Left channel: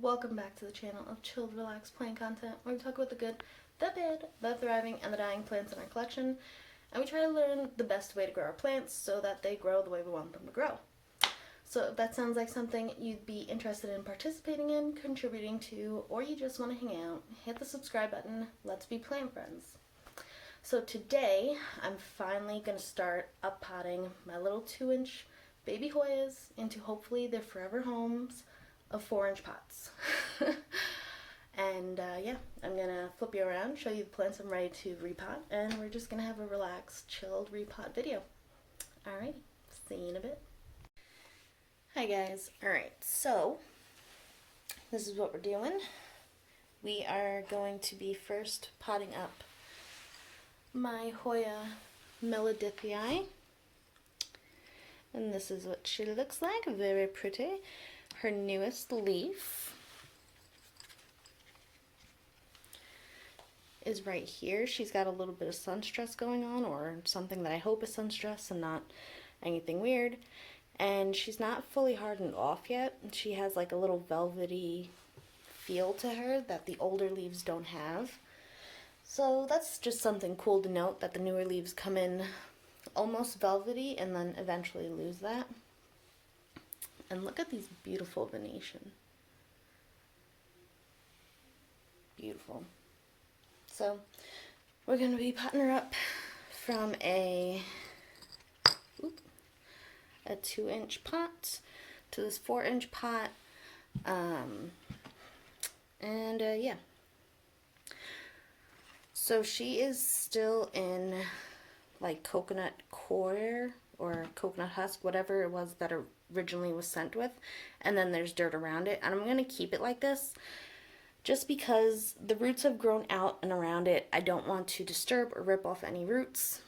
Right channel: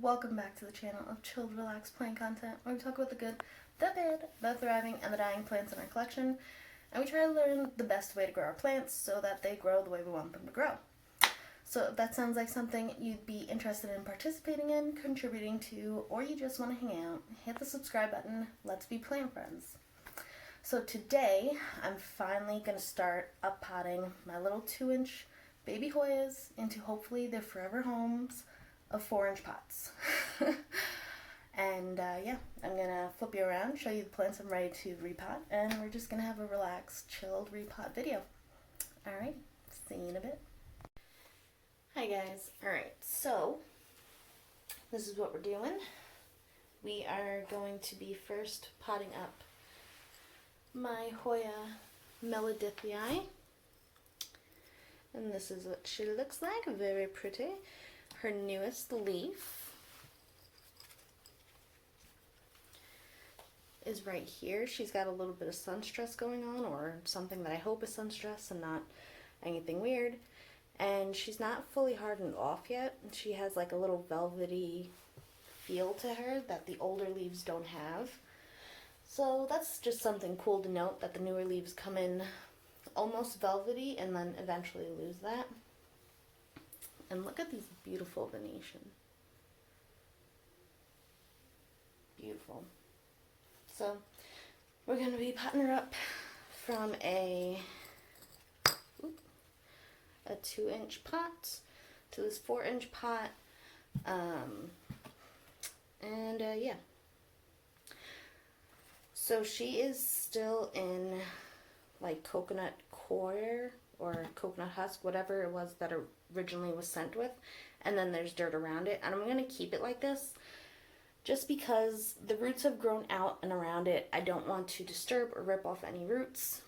welcome back to the channel of chilled, relaxed plant content where we talk about the good, the bad, the thriving, and the dying plants in our collection, and we try to learn the best way to grow our plants so that they grow the way we want them to grow. So if that sounds like something you'd be interested in participating in, contributing to, or you just want to hang out, hit the subscribe button. Let's be plant friends. So today, I'm finally going to start up potting my little 2-inch baby Hoyas into hopefully their forever homes of 4-inch pots. And yeah, I'm going to flip you around, show you the plants I'm ready to repot, and we're just going to have a relaxed, chilled repot video. Alright, see you in a bit. Hi guys. Alright, so this is what we're doing. We are going to be first potting up my Hoya melodie, and this is what she looks like. Very pretty. Her newest leaf is right here. She's got a little bit of sun stress going on, or something that I hope is sun stress and not anything weird. And she's not fully hardened off yet. She has like a little velvety feel to her that the older leaves don't have. So that's just something cool to note, that the newer leaves come in almost velvety and then eventually lose that. And look at these beautiful Venetian. Beautiful. So we're going to be potting her up from a 2-inch pot to this 4-inch pot. Yeah. So she is still in like coconut core or coconut husk, whatever it was that originally was sent with, and then there's dirt around it, and I'm going to keep it like this just because the roots have grown out and around it. I don't want to disturb or rip off any roots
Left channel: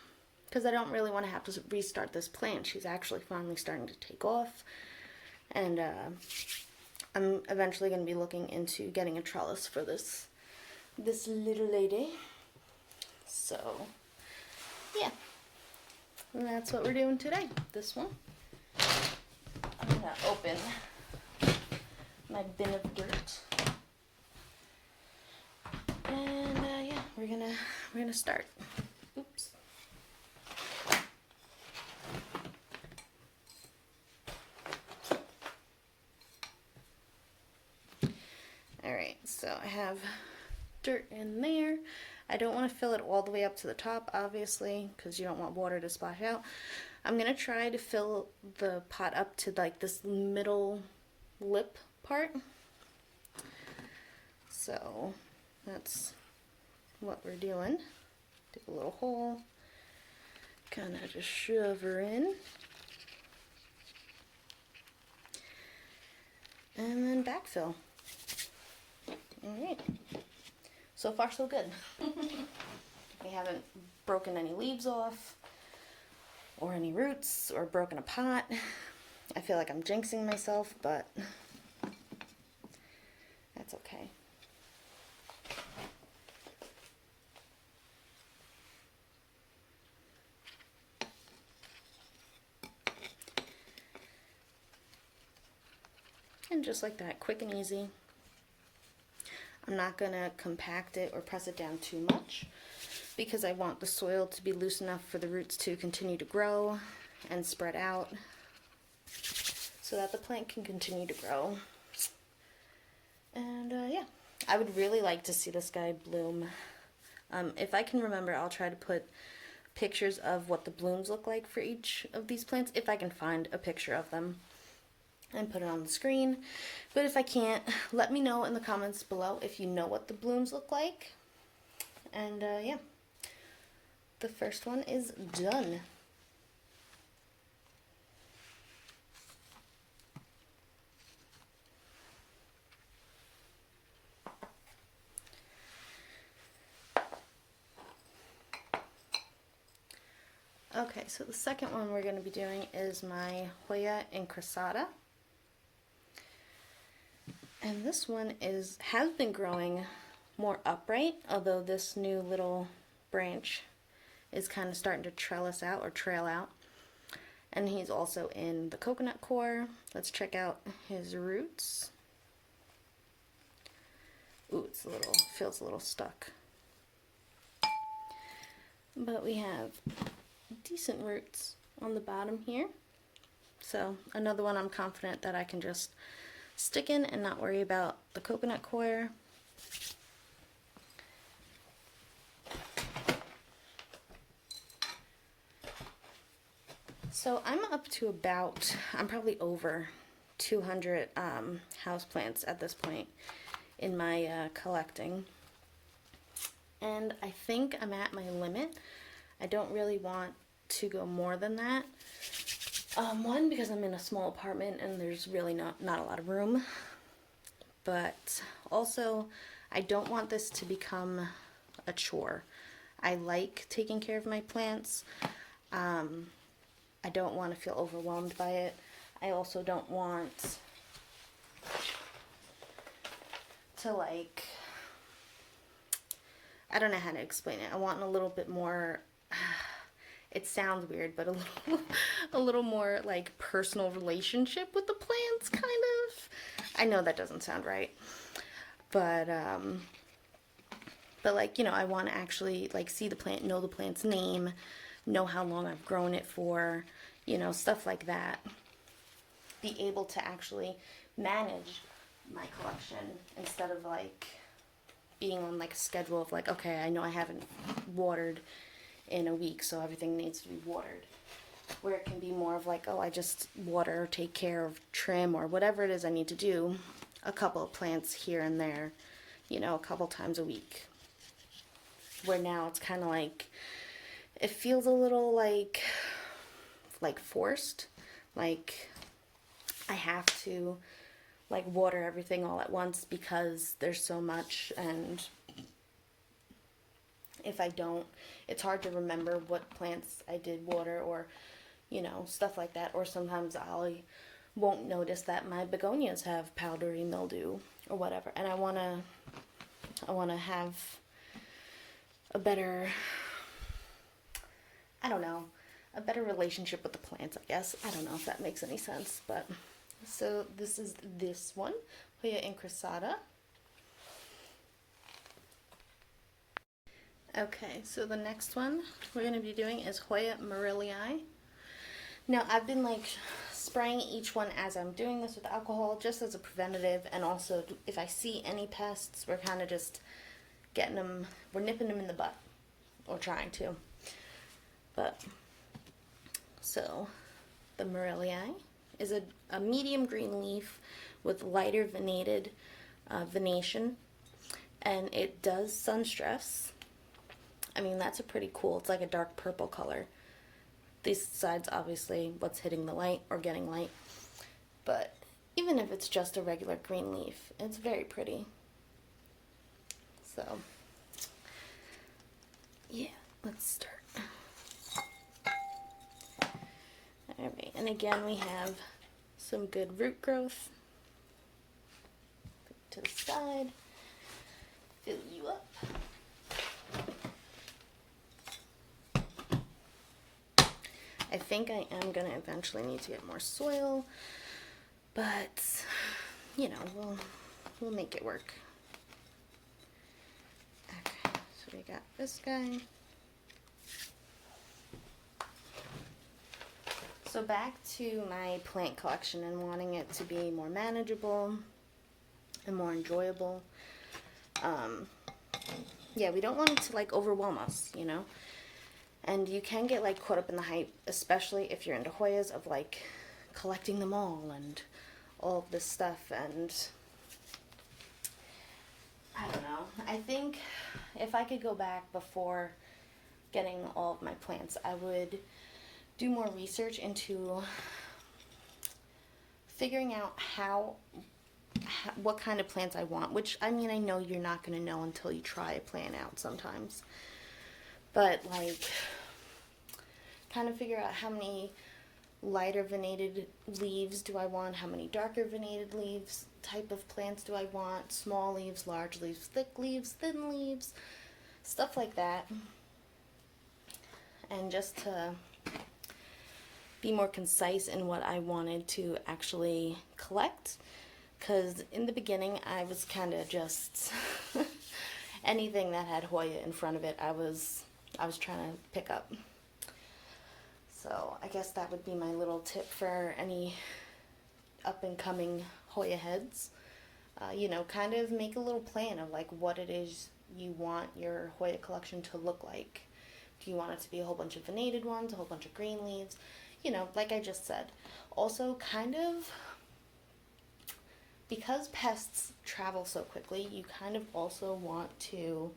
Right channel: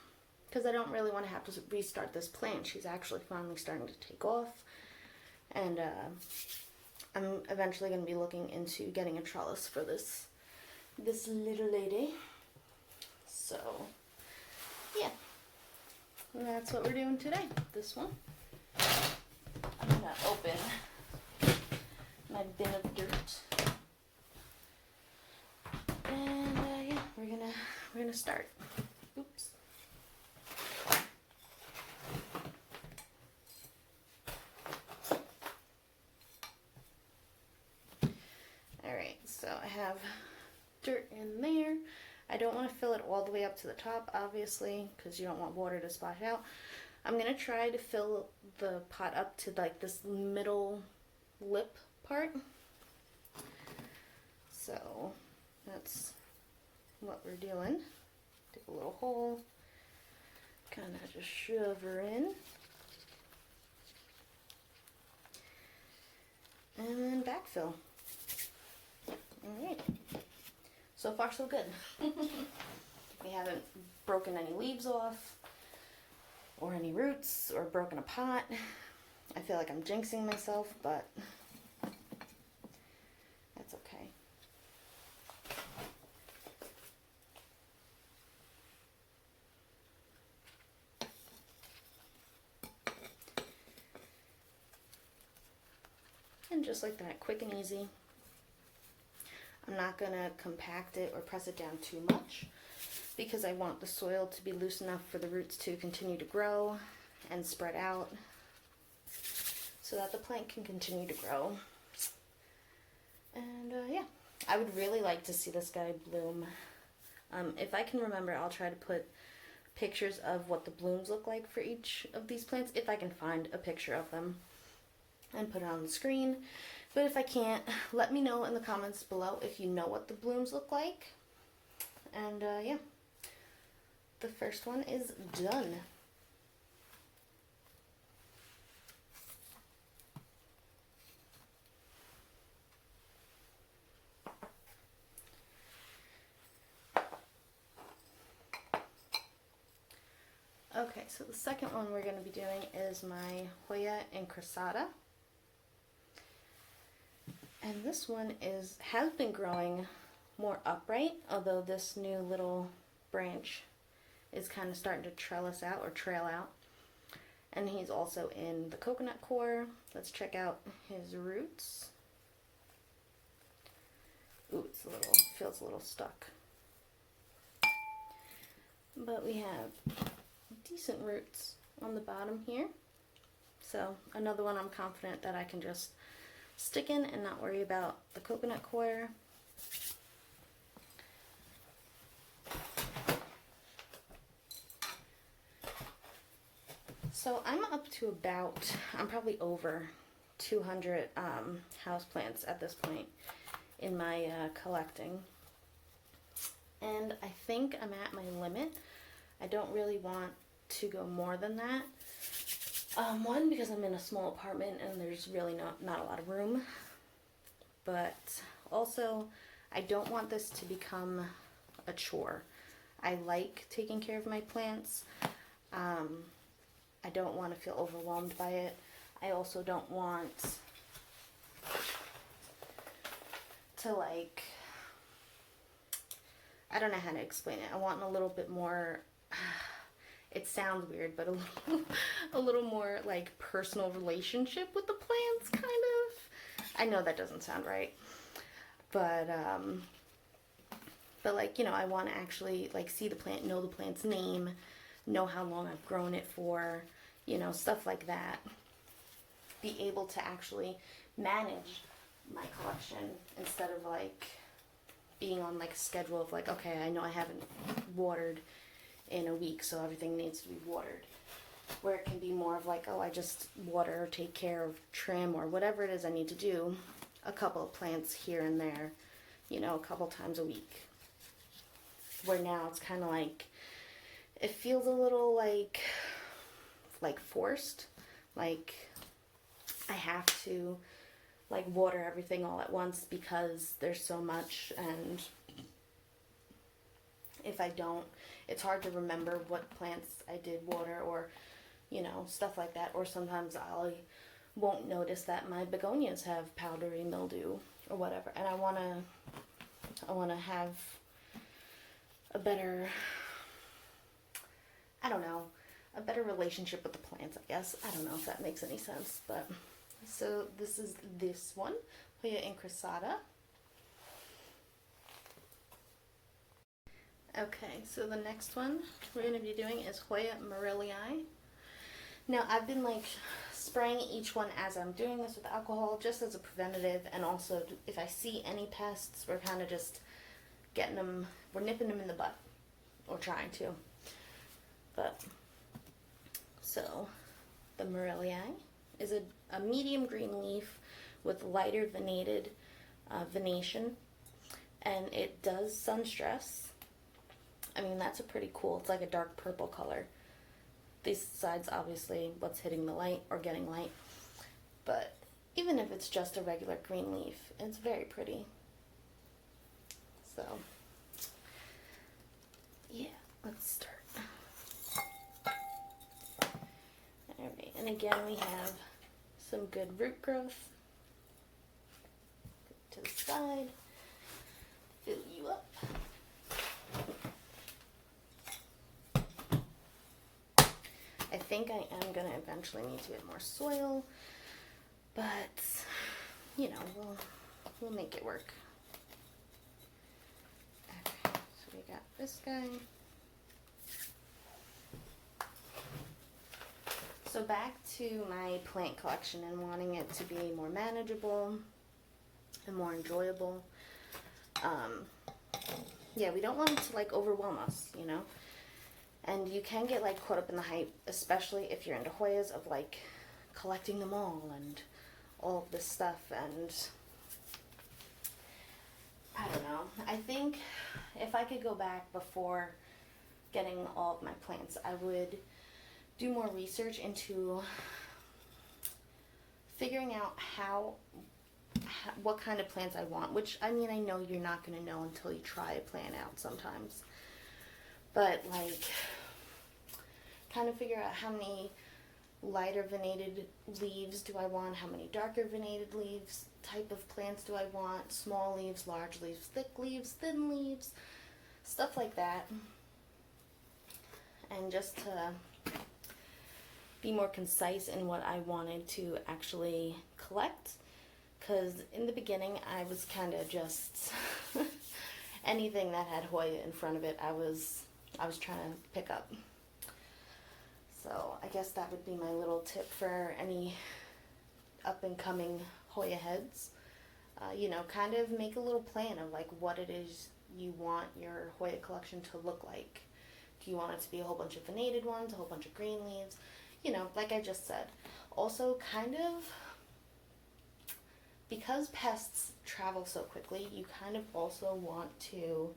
because I don't really want to have to restart this plant. She's actually finally starting to take off, and I'm eventually going to be looking into getting a trellis for this little lady. So yeah, and that's what we're doing today. This one, I'm gonna open my bin of dirt, and yeah, we're gonna start. Oops. All right, so I have dirt in there. I don't want to fill it all the way up to the top, obviously, because you don't want water to splash out. I'm going to try to fill the pot up to like this middle lip part. So that's what we're doing. Dig a little hole, kind of just shove her in. And then backfill. Alright. So far so good. We haven't broken any leaves off or any roots or broken a pot. I feel like I'm jinxing myself, but that's okay. And just like that, quick and easy. I'm not going to compact it or press it down too much because I want the soil to be loose enough for the roots to continue to grow and spread out so that the plant can continue to grow. And yeah, I would really like to see this guy bloom. If I can remember, I'll try to put pictures of what the blooms look like for each of these plants, if I can find a picture of them, and put it on the screen. But if I can't, let me know in the comments below if you know what the blooms look like. And yeah, the first one is done. Okay, so the second one we're going to be doing is my Hoya incrassata. And this one has been growing more upright, although this new little branch is kind of starting to trellis out or trail out. And he's also in the coconut core. Let's check out his roots. feels a little stuck. But we have decent roots on the bottom here. So another one I'm confident that I can just stick in and not worry about the coconut coir. So I'm up to about, I'm probably over 200 houseplants at this point in my collecting. And I think I'm at my limit. I don't really want to go more than that. One, because I'm in a small apartment and there's really not a lot of room. But also, I don't want this to become a chore. I like taking care of my plants. I don't want to feel overwhelmed by it. I also don't want to, like, I don't know how to explain it. I want a little bit more, it sounds weird, but a little more like personal relationship with the plants, kind of. I know that doesn't sound right, but like, you know, I want to actually like see the plant, know the plant's name, know how long I've grown it for, you know, stuff like that. Be able to actually manage my collection instead of like being on like a schedule of like, okay, I know I haven't watered in a week, so everything needs to be watered. Where it can be more of like, oh, I just water, take care of, trim, or whatever it is I need to do, a couple of plants here and there, you know, a couple times a week. Where now it's kind of like, it feels a little like forced, like I have to like water everything all at once because there's so much, and if I don't, it's hard to remember what plants I did water, or you know, stuff like that. Or sometimes I won't notice that my begonias have powdery mildew or whatever, and I want to have a better, I don't know, a better relationship with the plants, I guess. I don't know if that makes any sense, but so this is this one, Hoya incrassata. Okay, so the next one we're going to be doing is Hoya moreliai. Now I've been like spraying each one as I'm doing this with alcohol, just as a preventative, and also if I see any pests, we're kind of just getting them, we're nipping them in the butt, or trying to. But so the moreliai is a medium green leaf with lighter venated venation, and it does sun stress. I mean, that's a pretty cool, it's like a dark purple color. These sides, obviously, what's hitting the light or getting light, but even if it's just a regular green leaf, it's very pretty. So yeah, let's start. Alright, and again we have some good root growth. Put to the side, fill you up. I think I am going to eventually need to get more soil, but you know, we'll make it work. Okay, so we got this guy. So back to my plant collection and wanting it to be more manageable and more enjoyable. Yeah, we don't want it to like overwhelm us, you know. And you can get like caught up in the hype, especially if you're into Hoyas, of like collecting them all and all of this stuff. And I don't know. I think if I could go back before getting all of my plants, I would do more research into figuring out what kind of plants I want, which, I mean, I know you're not going to know until you try a plant out sometimes, but like kind of figure out how many lighter venated leaves do I want, how many darker venated leaves, type of plants do I want, small leaves, large leaves, thick leaves, thin leaves, stuff like that, and just to be more concise in what I wanted to actually collect. Because in the beginning I was kind of just anything that had Hoya in front of it, I was trying to pick up. So I guess that would be my little tip for any up and coming Hoya heads. You know, kind of make a little plan of like what it is you want your Hoya collection to look like. Do you want it to be a whole bunch of venated ones, a whole bunch of green leaves? You know, like I just said. Also, kind of, because pests travel so quickly, you kind of also want to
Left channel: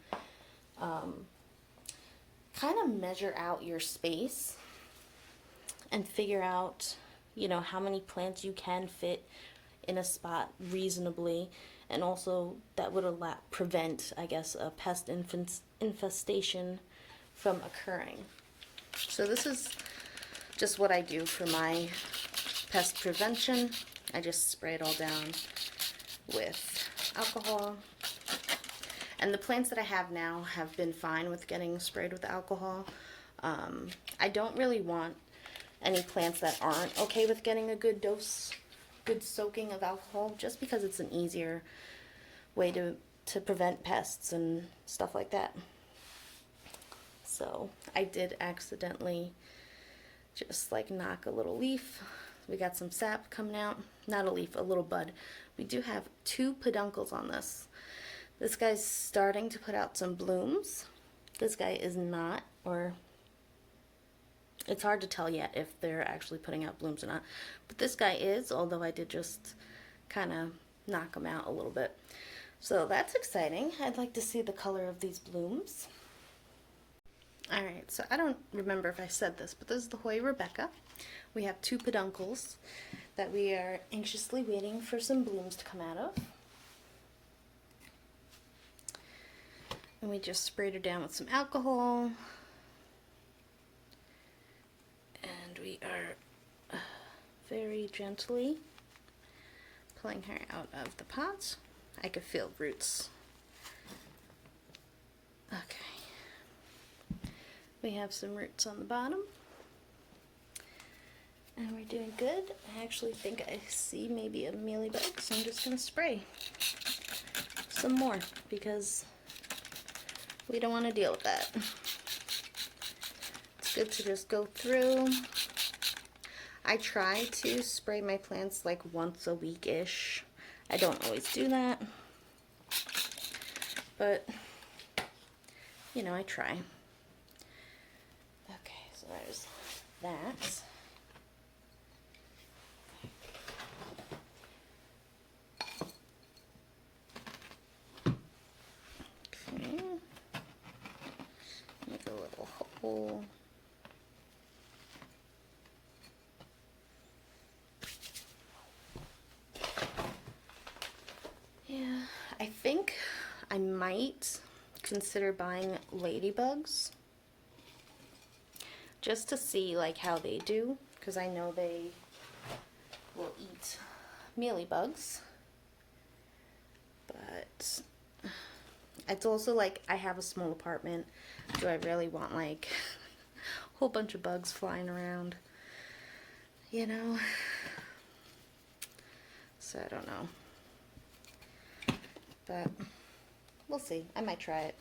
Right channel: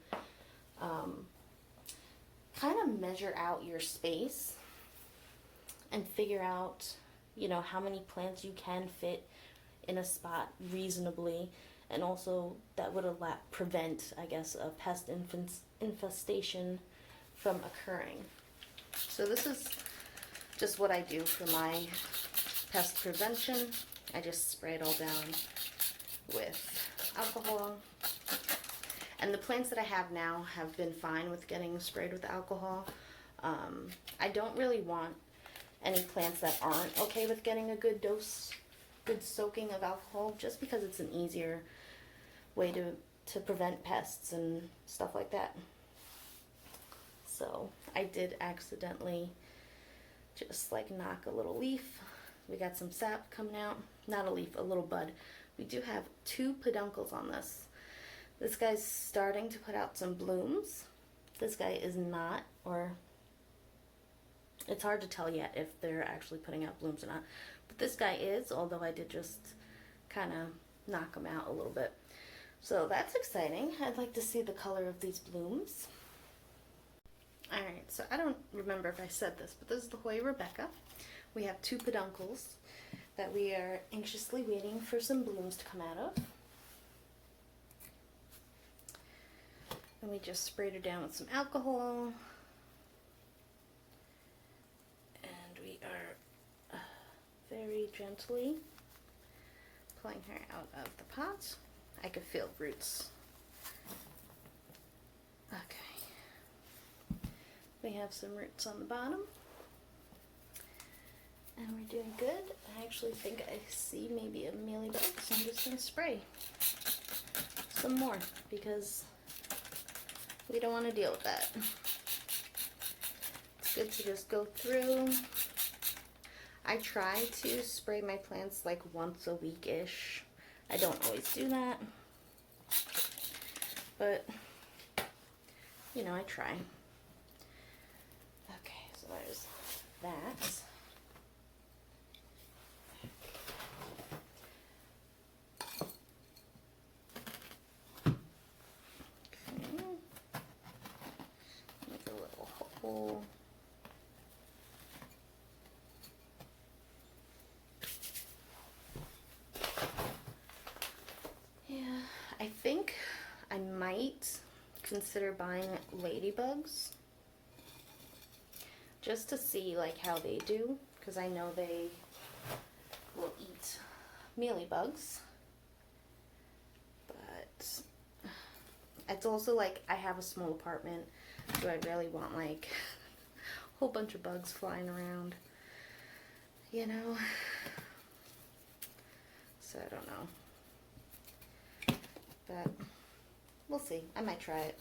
kind of measure out your space and figure out, you know, how many plants you can fit in a spot reasonably, and also that would prevent, I guess, a pest infestation from occurring. So this is just what I do for my pest prevention. I just spray it all down with alcohol. And the plants that I have now have been fine with getting sprayed with alcohol. I don't really want any plants that aren't okay with getting a good dose, good soaking of alcohol, just because it's an easier way to prevent pests and stuff like that. So I did accidentally just like knock a little leaf. We got some sap coming out. Not a leaf, a little bud. We do have 2 peduncles on this. This guy's starting to put out some blooms. This guy is not, or it's hard to tell yet if they're actually putting out blooms or not. But this guy is, although I did just kind of knock him out a little bit. So that's exciting. I'd like to see the color of these blooms. Alright, so I don't remember if I said this, but this is the Hoya Rebecca. We have 2 peduncles that we are anxiously waiting for some blooms to come out of. And we just sprayed her down with some alcohol. And we are very gently pulling her out of the pot. I could feel roots. Okay. We have some roots on the bottom. And we're doing good. I actually think I see maybe a mealybug, so I'm just going to spray some more because we don't want to deal with that. It's good to just go through. I try to spray my plants like once a week-ish. I don't always do that, but you know, I try. Okay, so there's that. Okay. Make a little hole. Yeah, I think I might consider buying ladybugs just to see like how they do, because I know they will eat mealybugs. But it's also like I have a small apartment. Do I really want like a whole bunch of bugs flying around? You know? So I don't know. But we'll see. I might try it.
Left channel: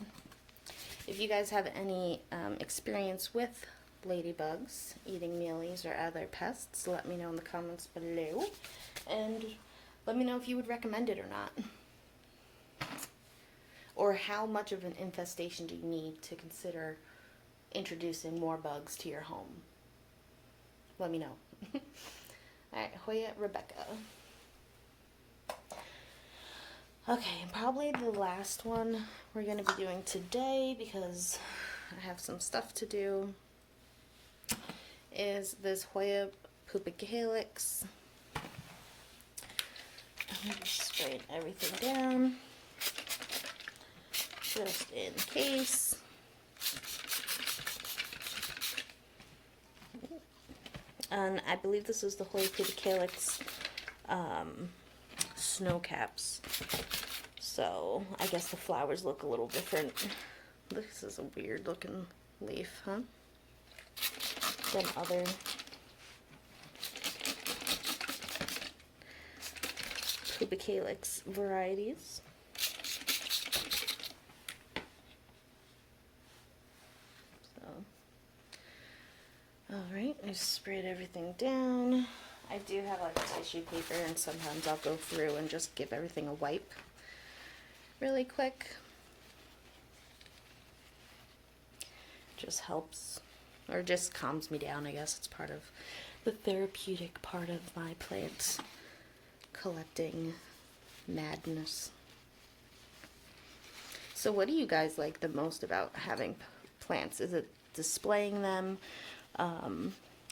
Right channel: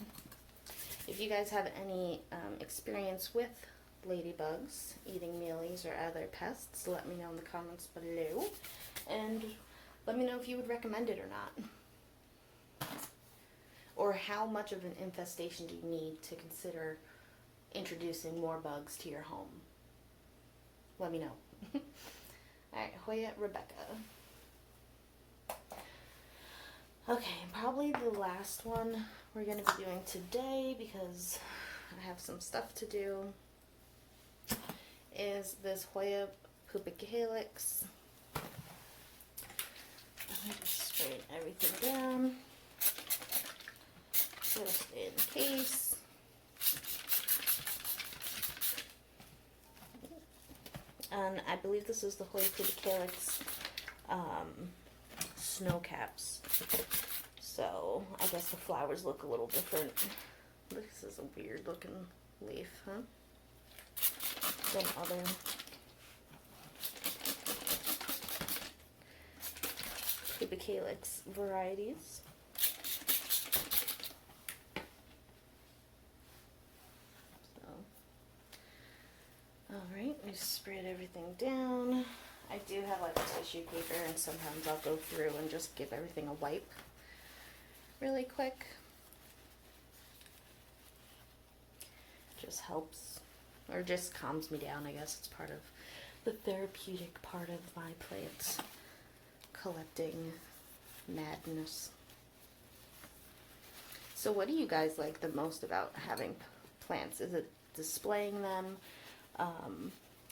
If you guys have any experience with ladybugs eating mealies or other pests, let me know in the comments below. And let me know if you would recommend it or not. Or how much of an infestation do you need to consider introducing more bugs to your home? Let me know. Alright, Hoya Rebecca. Okay, and probably the last one we're going to be doing today, because I have some stuff to do, is this Hoya pubicalyx. I'm just spraying everything down, just in case. And I believe this is the Hoya pubicalyx snow caps. So I guess the flowers look a little different. This is a weird looking leaf, huh? Than other pubicalyx varieties. just sprayed everything down. I do have like a tissue paper, and sometimes I'll go through and just give everything a wipe really quick. Just helps, or just calms me down, I guess. It's part of the therapeutic part of my plant collecting madness. So what do you guys like the most about having plants? Is it displaying them,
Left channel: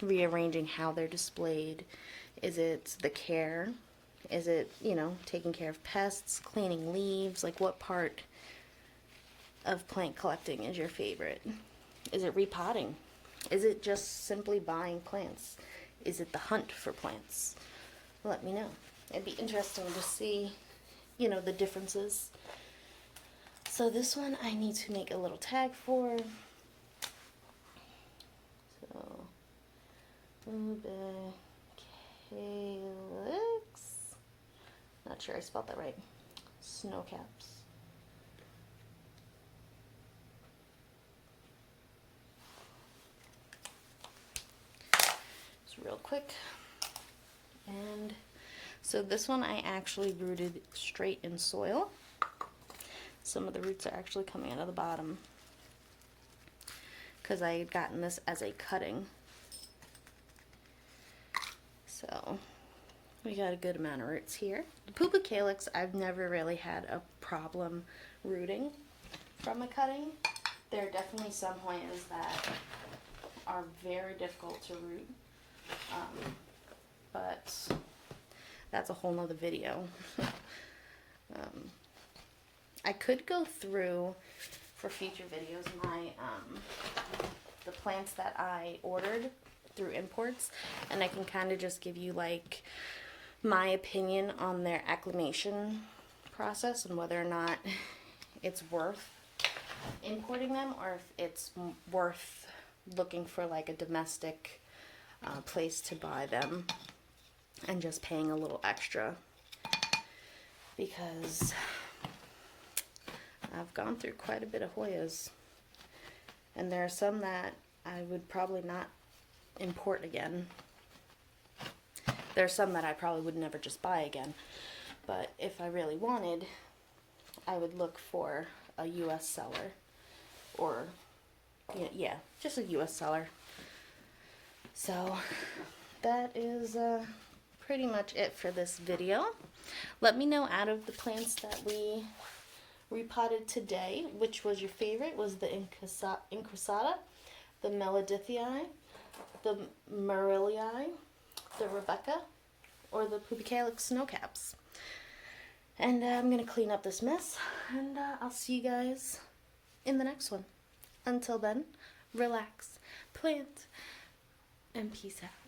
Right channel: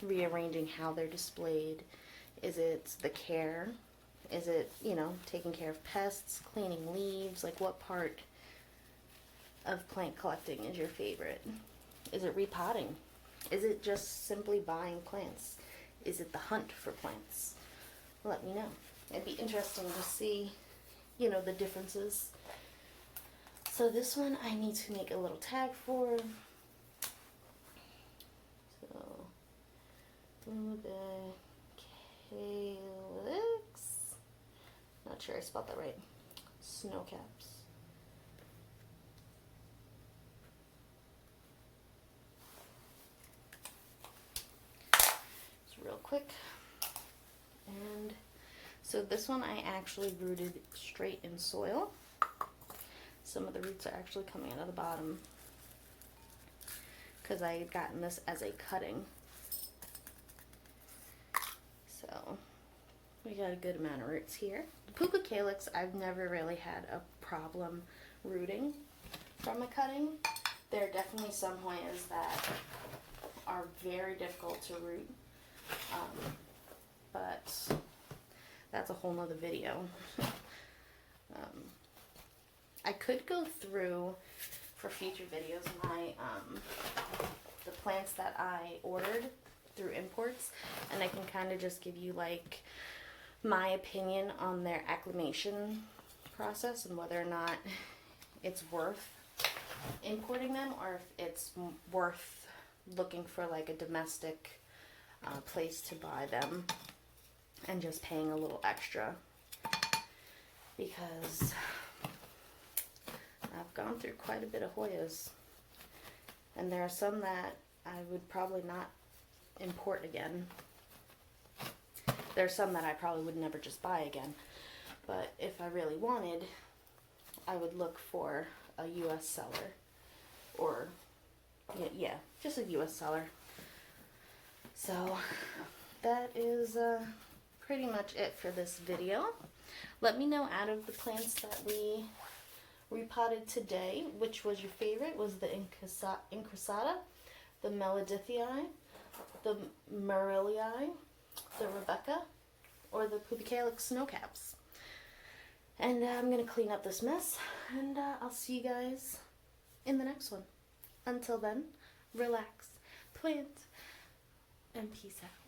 rearranging how they're displayed? Is it the care? Is it, you know, taking care of pests, cleaning leaves? Like, what part of plant collecting is your favorite? Is it repotting? Is it just simply buying plants? Is it the hunt for plants? Let me know. It'd be interesting to see, you know, the differences. So this one I need to make a little tag for. So, calyx. Not sure I spelled that right. Snowcaps. Just real quick. And so this one I actually rooted straight in soil. Some of the roots are actually coming out of the bottom because I had gotten this as a cutting. So we got a good amount of roots here. The pupa calyx, I've never really had a problem rooting from a cutting. There are definitely some Hoyas that are very difficult to root, but that's a whole nother video. I could go through for future videos my the plants that I ordered through imports, and I can kind of just give you like my opinion on their acclimation process and whether or not it's worth importing them or if it's worth looking for like a domestic place to buy them and just paying a little extra, because I've gone through quite a bit of Hoyas, and there are some that I would probably not import again. There are some that I probably would never just buy again, but if I really wanted, I would look for a U.S. seller, or yeah, just a U.S. seller. So that is pretty much it for this video. Let me know, out of the plants that we repotted today, which was your favorite. Was the incrassata, the melodie, the moreliai, the Rebecca, or the pupa calyx snowcaps? And I'm going to clean up this mess, and I'll see you guys in the next one. Until then, relax, plant, and peace out.